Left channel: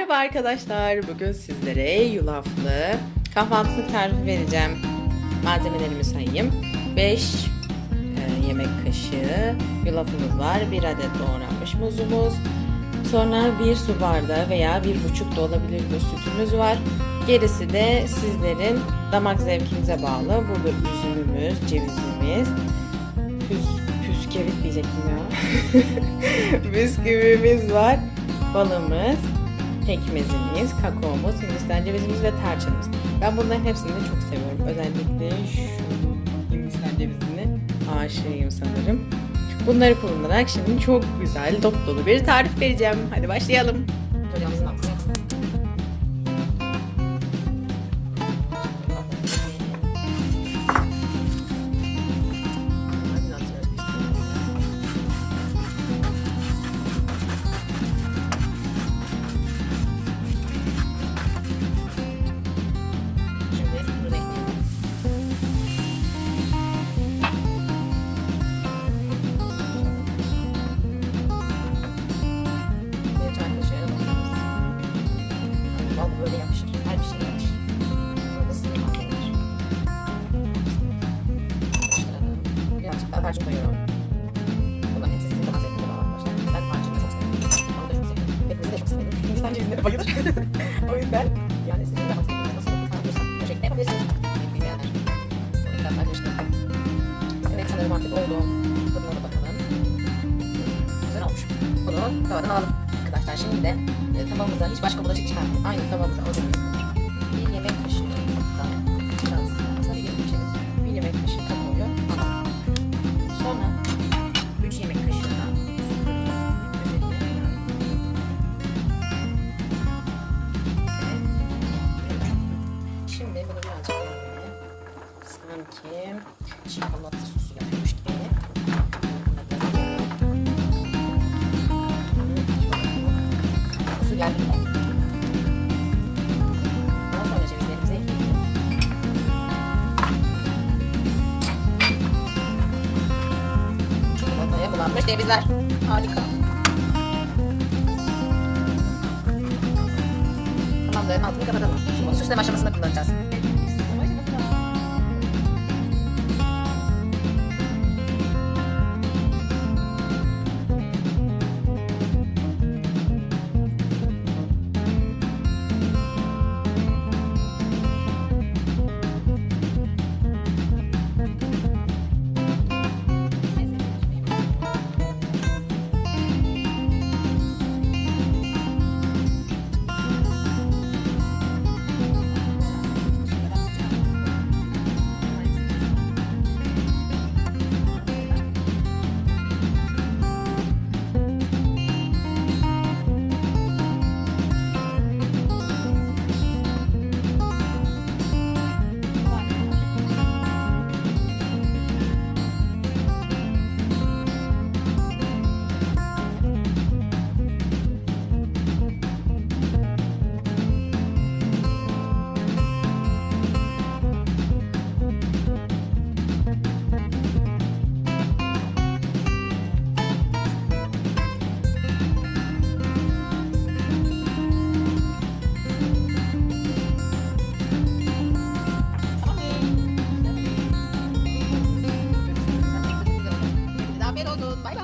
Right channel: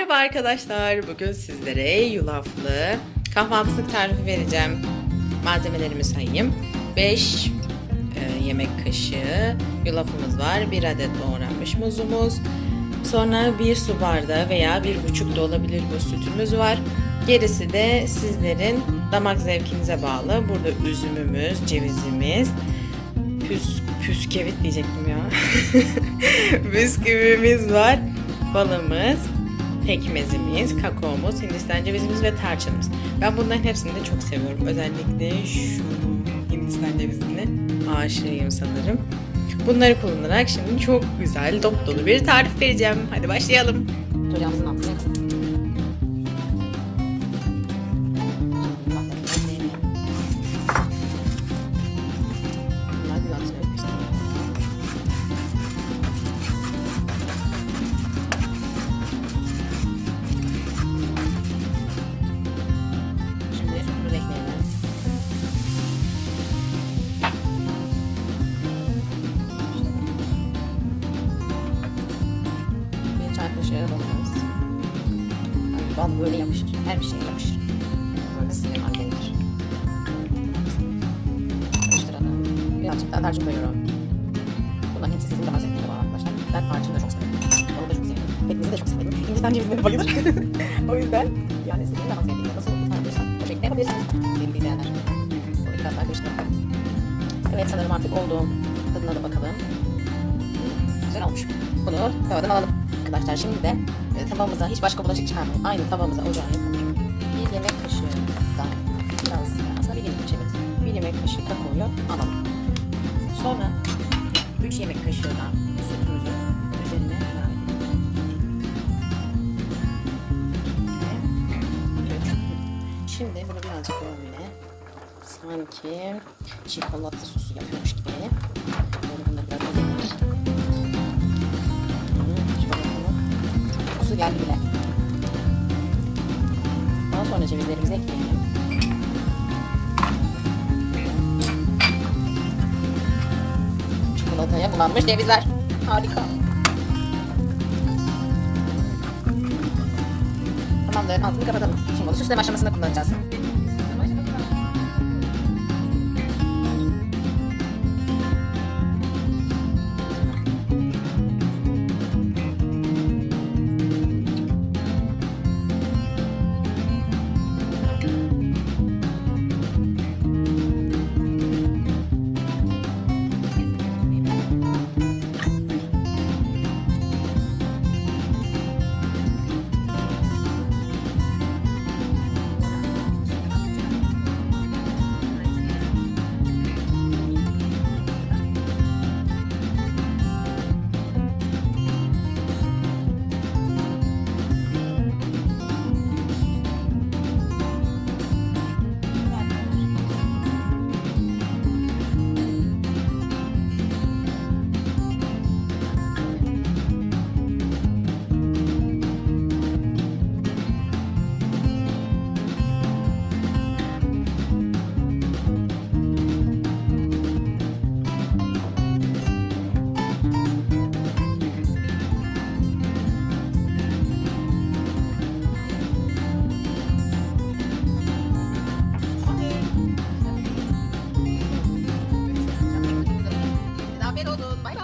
Merhaba arkadaşlar. Bugün sizlere yulaflı kahvaltılık tarifi vereceğim. Malzemelerimi sayayım. 5 yemek kaşığı yulafımız var. 1 adet doğranmış muzumuz. Sonra 1 su bardağı veya 1,5 da olabilir bu sütümüz var. Gerisi de sizlerin damak zevkinize bağlı. Burada üzümümüz, cevizimiz, püs, püskevit diyecektim ya. Bisküvimiz var. Balımız, pekmezimiz, kakaomuz, hindistan cevizimiz ve tarçınımız. Ben bunların hepsini de çok seviyorum. Özellikle şu hindistan cevizini aşığıyım sanırım. Bunları kullanarak şimdi çok güzel, dop dolu bir tarif vereceğim. Hadi başlayalım. Ocağımızın altına Kaşığı bakıyoruz. Ay, bal böyle yapışır. Her bir şeye yapışır. Böyle sıyırmaz gerekir. Birazcık daha tarçın koyuyorum. Bunların hepsi sizin damak zevkine bağlı arkadaşlar. Ben tarçını da çok severim. Onu da çok severim. Pekmezi de çok severim. Hindistan cevizine de bayılır. o yüzden yani sizin damak zevkinize nasıl tutarlıyorsa o şekilde yapabilirsiniz. Sevgili izleyenler. Bunu biraz daha karıştıralım. Evet sanırım artık oldu. Tadına da bakalım. Güzel olmuş. Bunu tavadan alalım. Arkadaşlar şimdi de e, tavamıza hiç başka bulaşık çıkarmayalım. Aynı tavamıza ocağa yapalım. Bir yemek kaşığı da biraz aslında bir yemek evet. Bir yemek kaşığı kakaoyu alalım. Sonra 3 yemek kaşığı da sütümüzü üzerine. Şimdi bunu birazcık böyle sanki çikolata sosu yapıyormuş gibi. Böyle bunu biraz Su geldi bile. Daha sonra cevizlerimizi ekleyelim. Çikolataya bulanmış cevizler. Harika. Tamamdır. Altını kapatalım. Şimdi bunu süsleme aşamasında kullanacağız. Bê đồ.